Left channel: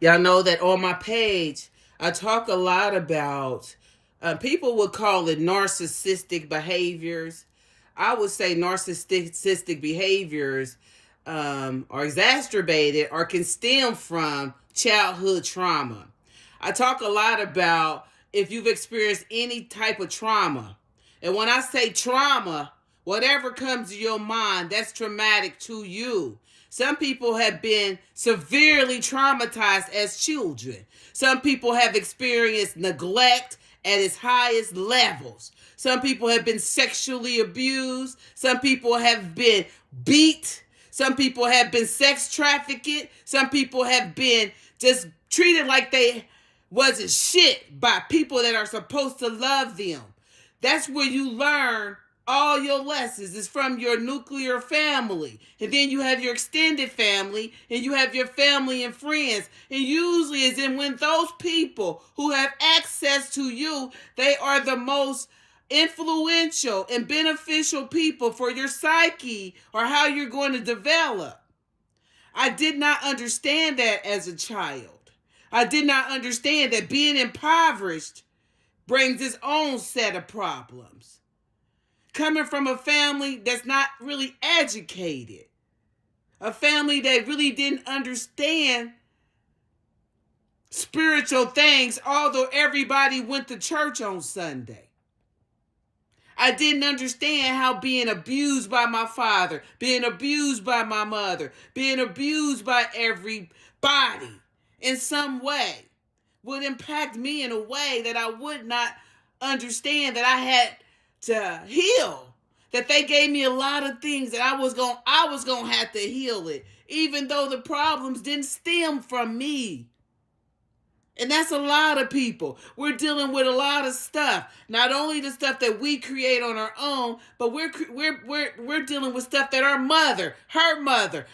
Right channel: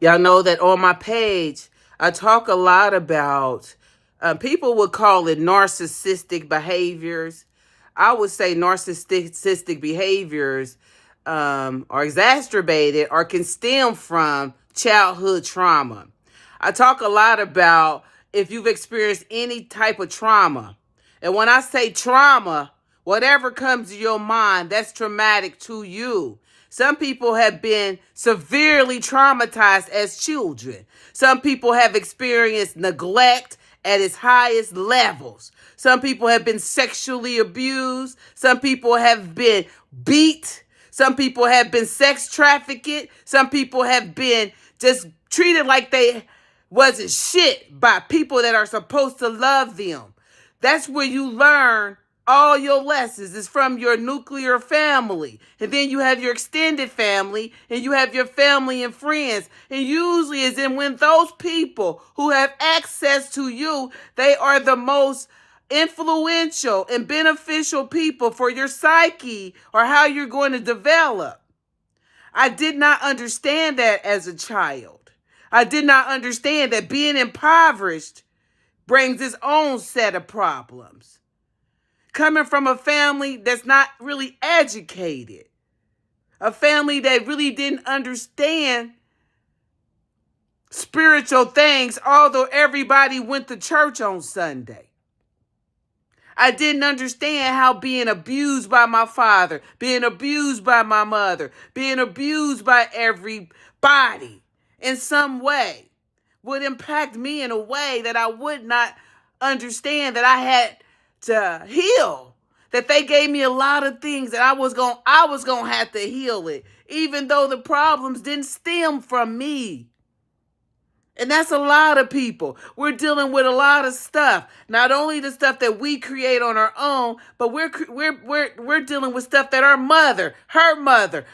Y'all know that on my page, I talk a lot about, people would call it narcissistic behaviors. I would say narcissistic behaviors are exacerbated or can stem from childhood trauma. I talk a lot about if you've experienced any type of trauma. And when I say trauma, whatever comes to your mind, that's traumatic to you. Some people have been severely traumatized as children. Some people have experienced neglect at its highest levels. Some people have been sexually abused. Some people have been beat. Some people have been sex trafficked. Some people have been just treated like they wasn't shit by people that are supposed to love them. That's where you learn all your lessons is from your nuclear family. And then you have your extended family and you have your family and friends. And usually is in when those people who have access to you, they are the most influential and beneficial people for your psyche or how you're going to develop. I did not understand that as a child. I did not understand that being impoverished brings its own set of problems. Coming from a family that's not really educated, a family that really didn't understand spiritual things, although everybody went to church on Sunday. I didn't understand how being abused by my father, being abused by my mother, being abused by everybody in some way would impact me in a way that I would not understand, that I had to heal. That they gave me a lot of things that I was going to have to heal it, even though the problems didn't stem from me. And that's a lot of people. We're dealing with a lot of stuff. Not only the stuff that we create on our own, but we're dealing with stuff that our mother, her mother,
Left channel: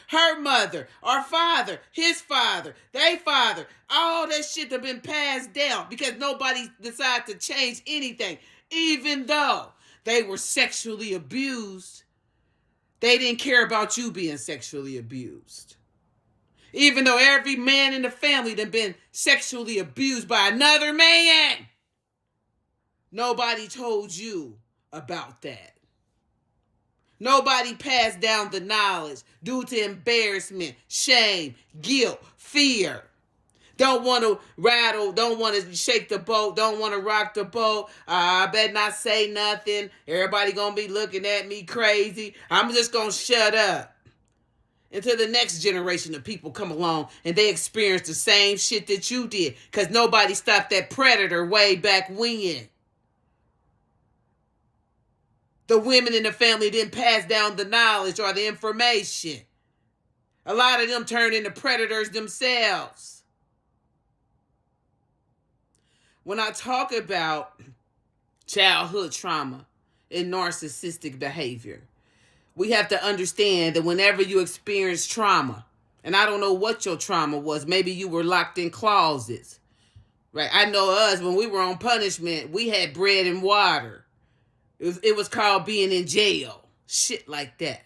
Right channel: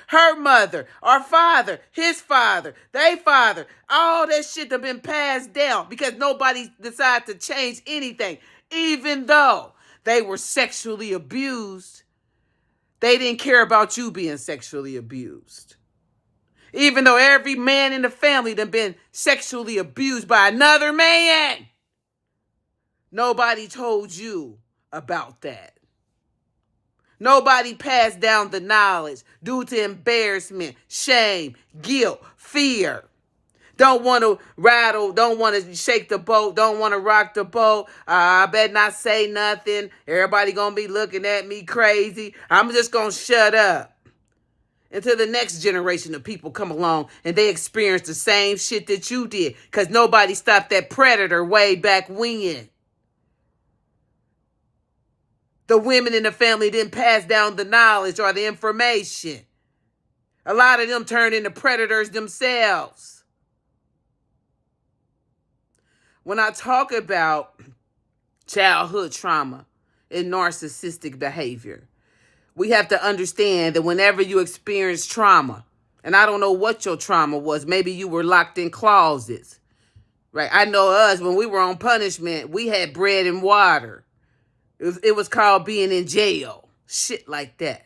our father, his father, their father, all that shit have been passed down because nobody decided to change anything. Even though they were sexually abused, they didn't care about you being sexually abused. Even though every man in the family done been sexually abused by another man, nobody told you about that. Nobody passed down the knowledge due to embarrassment, shame, guilt, fear. Don't want to rattle, don't want to shake the boat, don't want to rock the boat. I better not say nothing. Everybody going to be looking at me crazy. I'm just going to shut up. Until the next generation of people come along and they experience the same shit that you did. Because nobody stopped that predator way back when. The women in the family didn't pass down the knowledge or the information. A lot of them turned into predators themselves. When I talk about childhood trauma and narcissistic behavior, we have to understand that whenever you experience trauma, and I don't know what your trauma was, maybe you were locked in closets, right? I know us, when we were on punishment, we had bread and water. It was called being in jail, shit like that.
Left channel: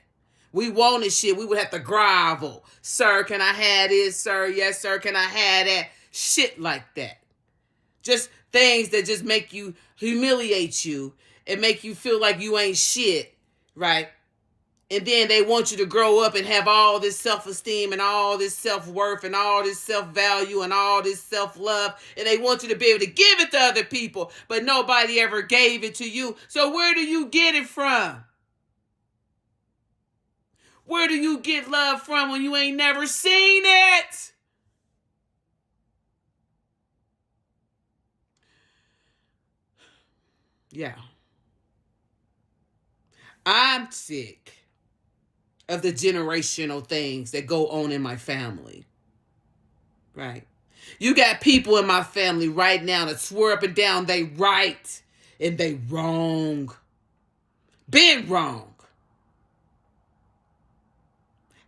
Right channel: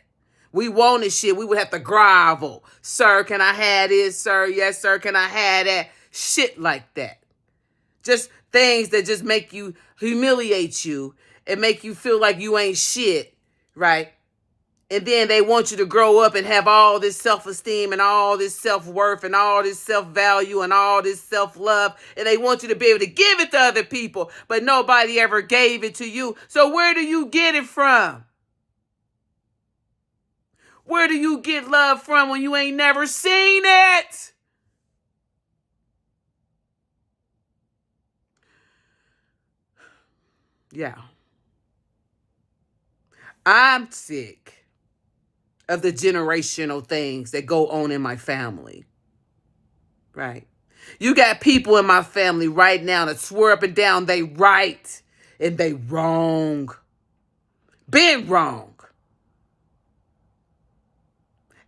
We wanted shit, we would have to grovel. Sir, can I have this? Sir, yes, sir, can I have that? Shit like that. Just things that just make you, humiliate you and make you feel like you ain't shit, right? And then they want you to grow up and have all this self-esteem and all this self-worth and all this self-value and all this self-love. And they want you to be able to give it to other people, but nobody ever gave it to you. So where do you get it from? Where do you get love from when you ain't never seen it? Yeah. I'm sick of the generational things that go on in my family, right? You got people in my family right now that swear up and down they right and they wrong. Been wrong.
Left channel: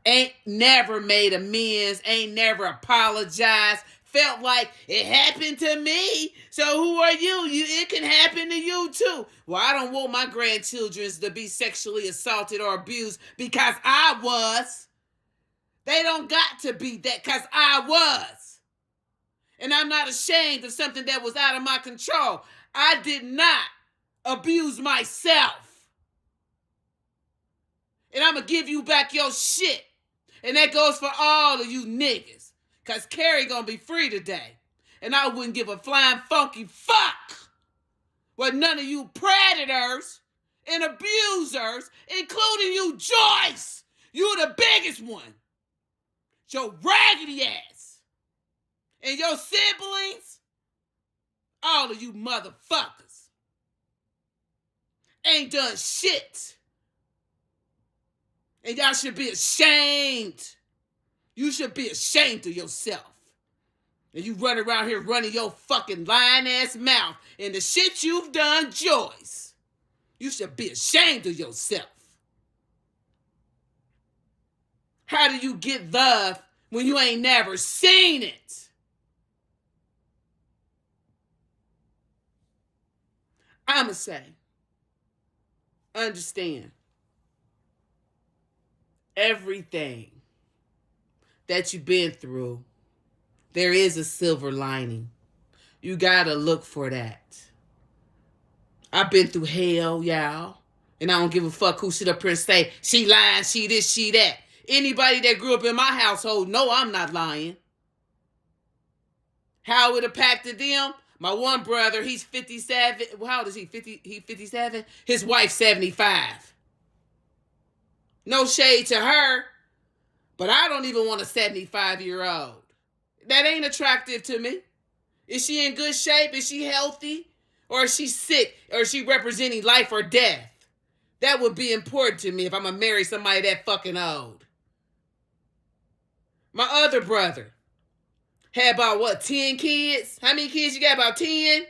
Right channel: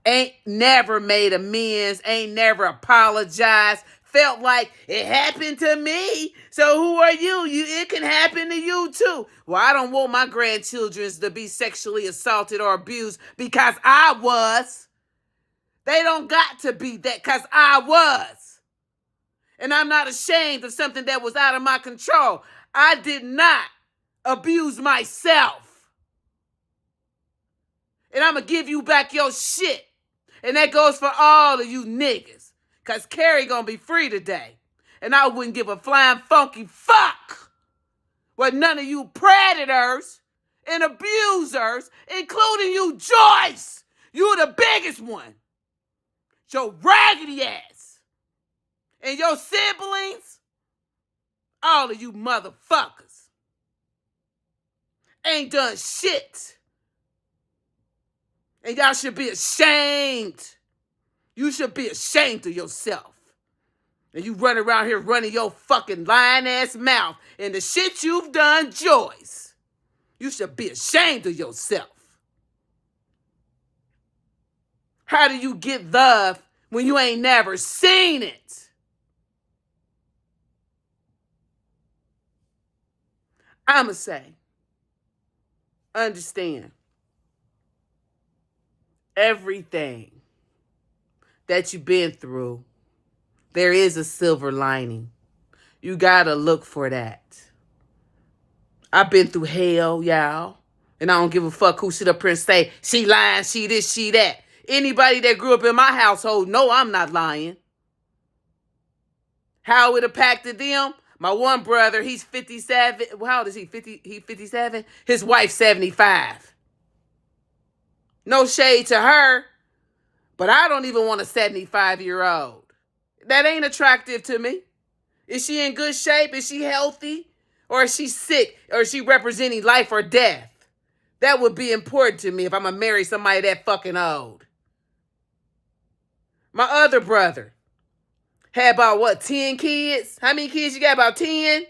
Ain't never made amends, ain't never apologized. Felt like it happened to me. So who are you? It can happen to you too. Well, I don't want my grandchildren to be sexually assaulted or abused because I was. They don't got to be that because I was. And I'm not ashamed of something that was out of my control. I did not abuse myself. And I'm going to give you back your shit. And that goes for all of you niggas. Because Carrie going to be free today. And I wouldn't give a flying funky fuck what none of you predators and abusers, including you, Joyce. You the biggest one. Your raggedy ass. And your siblings, all of you motherfuckers, ain't done shit. And y'all should be ashamed. You should be ashamed of yourself. And you run around here running your fucking lying ass mouth and the shit you've done, Joyce. You should be ashamed of yourself. How do you get love when you ain't never seen it? I'ma say, understand, everything that you've been through, there is a silver lining. You gotta look for that. I've been through hell, y'all. And I don't give a fuck who sit up here and say, she lying, she this, she that. Anybody that grew up in my household, know I'm not lying. How it impacted them? My one brother, he's 57. How old is he? 50, he 57? His wife's 75. No shade to her, but I don't even want a 75-year-old. That ain't attractive to me. Is she in good shape? Is she healthy? Or is she sick? Or is she representing life or death? That would be important to me if I'm going to marry somebody that fucking old. My other brother had about, 10 kids? How many kids you got? About 10?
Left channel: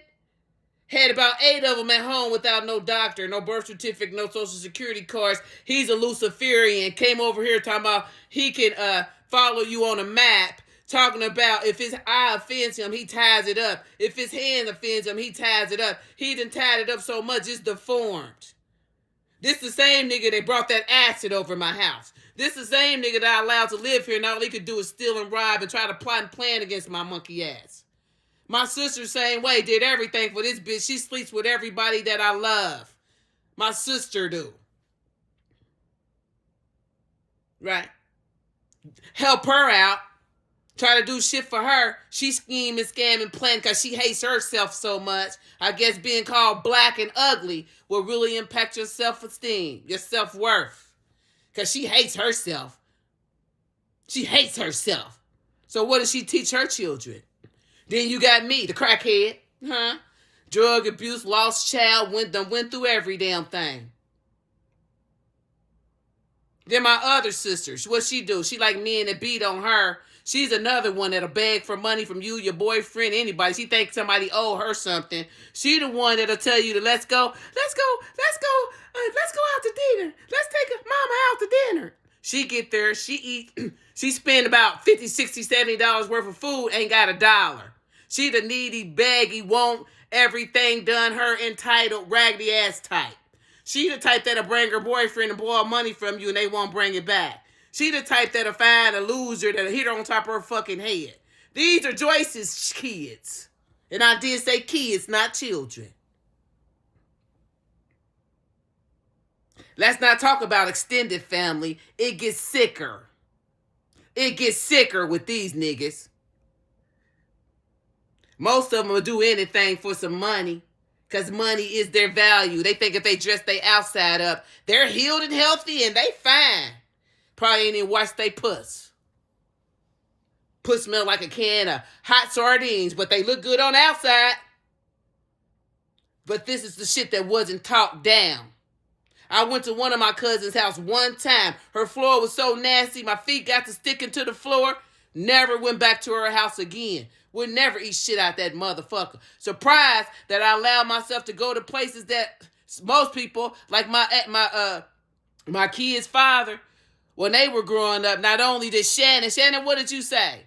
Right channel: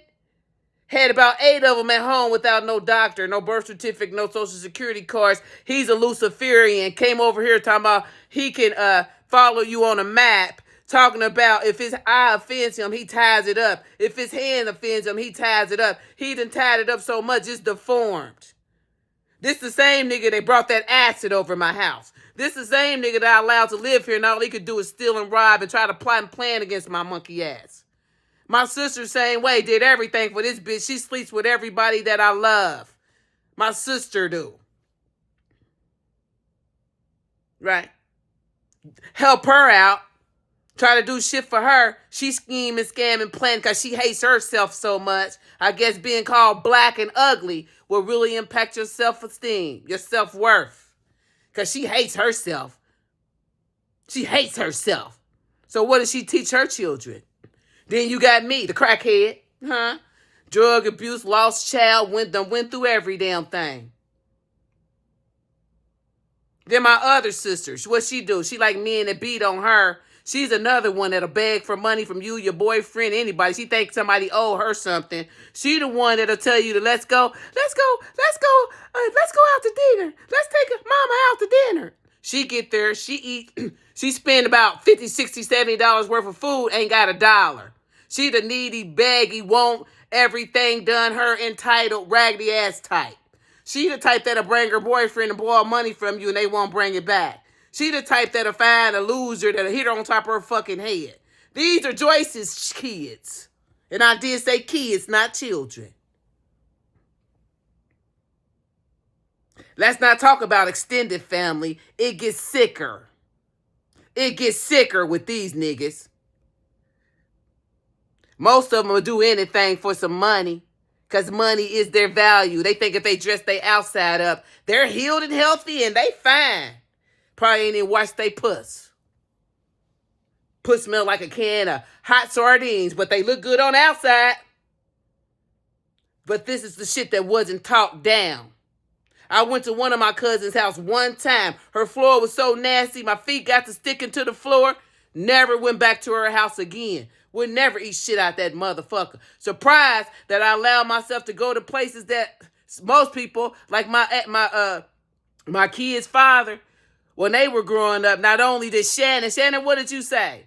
Had about 8 of them at home without no doctor, no birth certificate, no social security cards. He's a Luciferian. Came over here talking about he can follow you on a map. Talking about if his eye offends him, he ties it up. If his hand offends him, he ties it up. He done tied it up so much, it's deformed. This the same nigga that brought that acid over my house. This the same nigga that I allowed to live here and all he could do is steal and rob and try to plot and plan against my monkey ass. My sister, same way, did everything for this bitch. She sleeps with everybody that I love. My sister do. Right? Help her out. Try to do shit for her. She scheme and scam and plan because she hates herself so much. I guess being called black and ugly will really impact your self-esteem, your self-worth. Because she hates herself. She hates herself. So what does she teach her children? Then you got me, the crackhead. Huh? Drug abuse, lost child, went through every damn thing. Then my other sisters, what she do? She like men that beat on her. She's another one that'll beg for money from you, your boyfriend, anybody. She thinks somebody owe her something. She the one that'll tell you to let's go out to dinner. Let's take mama out to dinner. She get there, she eat, she spend about $50, $60, $70 worth of food, ain't got $1. She the needy, baggy, want everything done, her entitled, raggedy ass type. She the type that'll bring her boyfriend and borrow money from you and they won't bring it back. She the type that'll find a loser that'll hit her on top of her fucking head. These are Joyce's kids. And I did say kids, not children. Let's not talk about extended family. It gets sicker. It gets sicker with these niggas. Most of them will do anything for some money. Because money is their value. They think if they dress their outside up, they're healed and healthy and they fine. Probably ain't even washed they puss. Puss smell like a can of hot sardines, but they look good on the outside. But this is the shit that wasn't talked down. I went to one of my cousin's house one time. Her floor was so nasty, my feet got to sticking to the floor. Never went back to her house again. Would never eat shit out that motherfucker. Surprised that I allowed myself to go to places that most people, like my kid's father, when they were growing up, not only did Shannon, what did you say?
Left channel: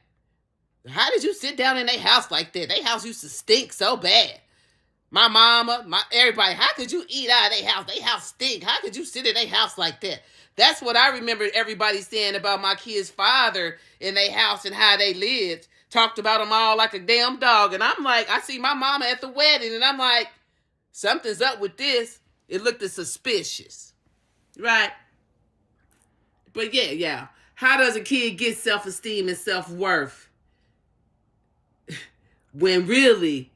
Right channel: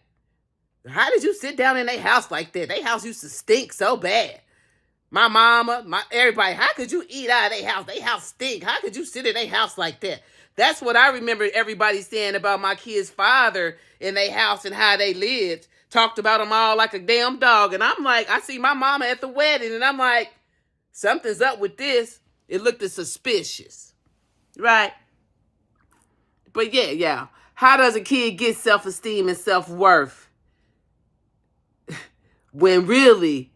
How did you sit down in their house like that? Their house used to stink so bad. My mama, everybody, how could you eat out of their house? Their house stink. How could you sit in their house like that? That's what I remember everybody saying about my kid's father in their house and how they lived. talked about them all like a damn dog. And I'm like, I see my mama at the wedding, and I'm like, something's up with this. It looked suspicious, right? But yeah. How does a kid get self-esteem and self-worth when really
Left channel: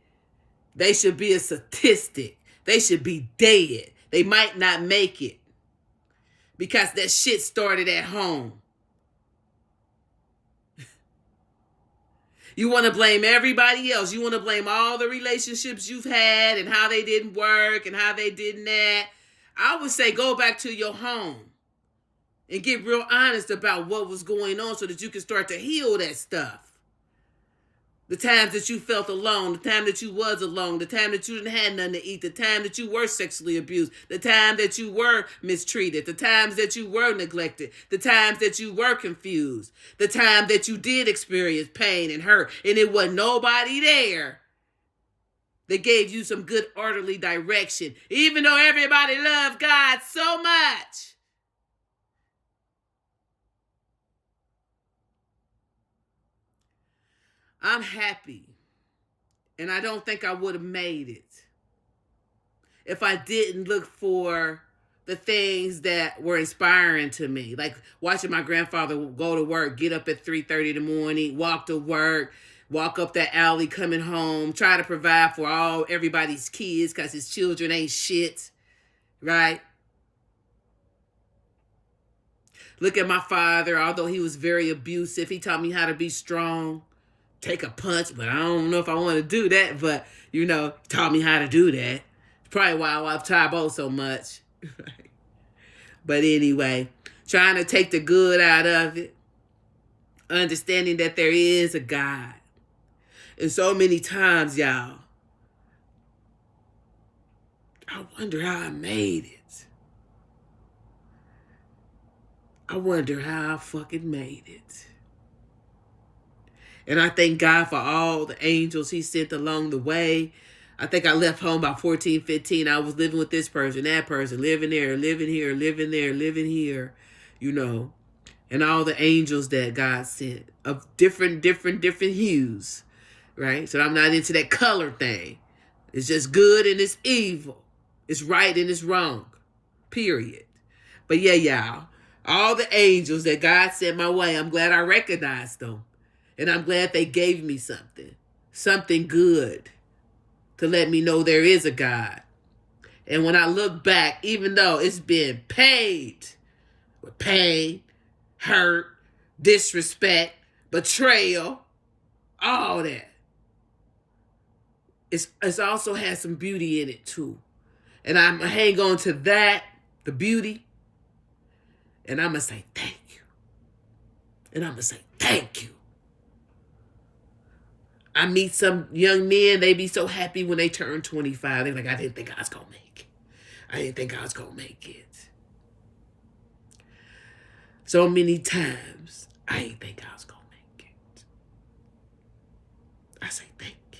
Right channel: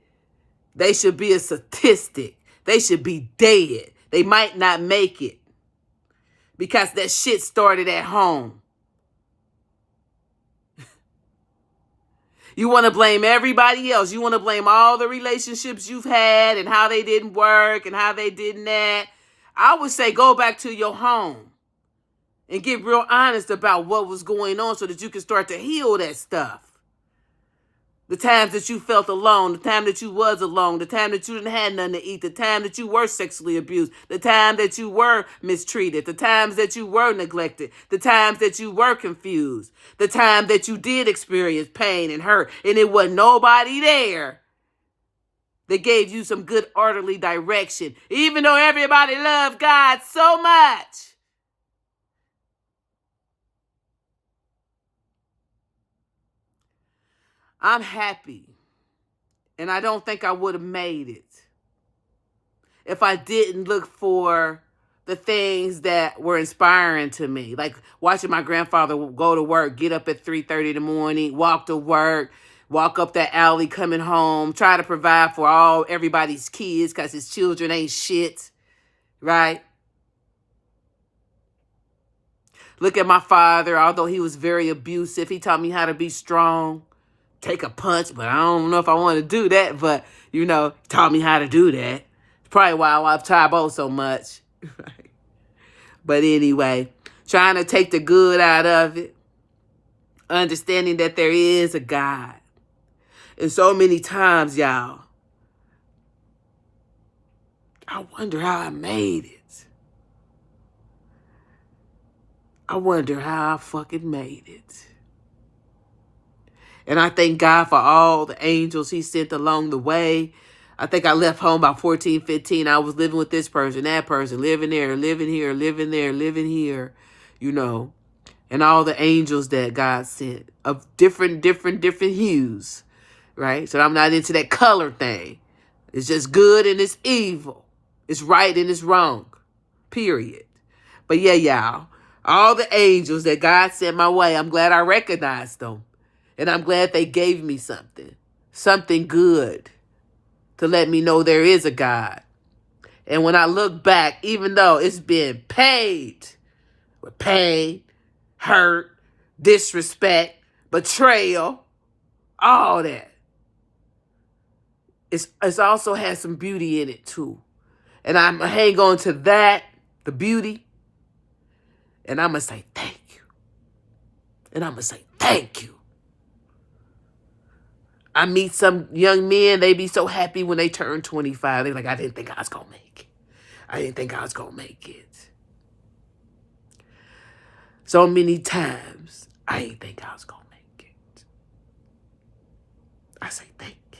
they should be a statistic? They should be dead. They might not make it because that shit started at home. You want to blame everybody else. You want to blame all the relationships you've had and how they didn't work and how they didn't that. I would say go back to your home and get real honest about what was going on so that you can start to heal that stuff. The times that you felt alone, the time that you was alone, the time that you didn't have nothing to eat, the time that you were sexually abused, the time that you were mistreated, the times that you were neglected, the times that you were confused, the time that you did experience pain and hurt, and it wasn't nobody there that gave you some good orderly direction, even though everybody loved God so much. I'm happy, and I don't think I would have made it if I didn't look for the things that were inspiring to me, like watching my grandfather go to work, get up at 3:30 in the morning, walk to work, walk up that alley coming home, try to provide for everybody's kids because his children ain't shit, right? Look at my father, although he was very abusive, he taught me how to be strong. Take a punch, but I don't know if I want to do that. But, taught me how to do that. It's probably why I love Tybo so much. But anyway, trying to take the good out of it. Understanding that there is a God. And so many times, y'all, I wonder how I made it. I wonder how I fucking made it. And I thank God for all the angels he sent along the way. I think I left home about 14, 15. I was living with this person, that person, living there, living here, living there, living here, and all the angels that God sent of different hues, right? So I'm not into that color thing. It's just good and it's evil. It's right and it's wrong, period. But yeah, y'all, all the angels that God sent my way, I'm glad I recognized them. And I'm glad they gave me something good to let me know there is a God. And when I look back, even though it's been paid with pain, hurt, disrespect, betrayal, all that, it's also has some beauty in it too. And I'm going to hang on to that, the beauty, and I'm going to say thank you. And I'm going to say thank you. I meet some young men, they be so happy when they turn 25. They're like, I didn't think I was going to make it. I didn't think I was going to make it. So many times, I didn't think I was going to make it. I say thank you.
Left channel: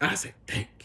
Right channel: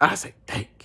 I say thank you.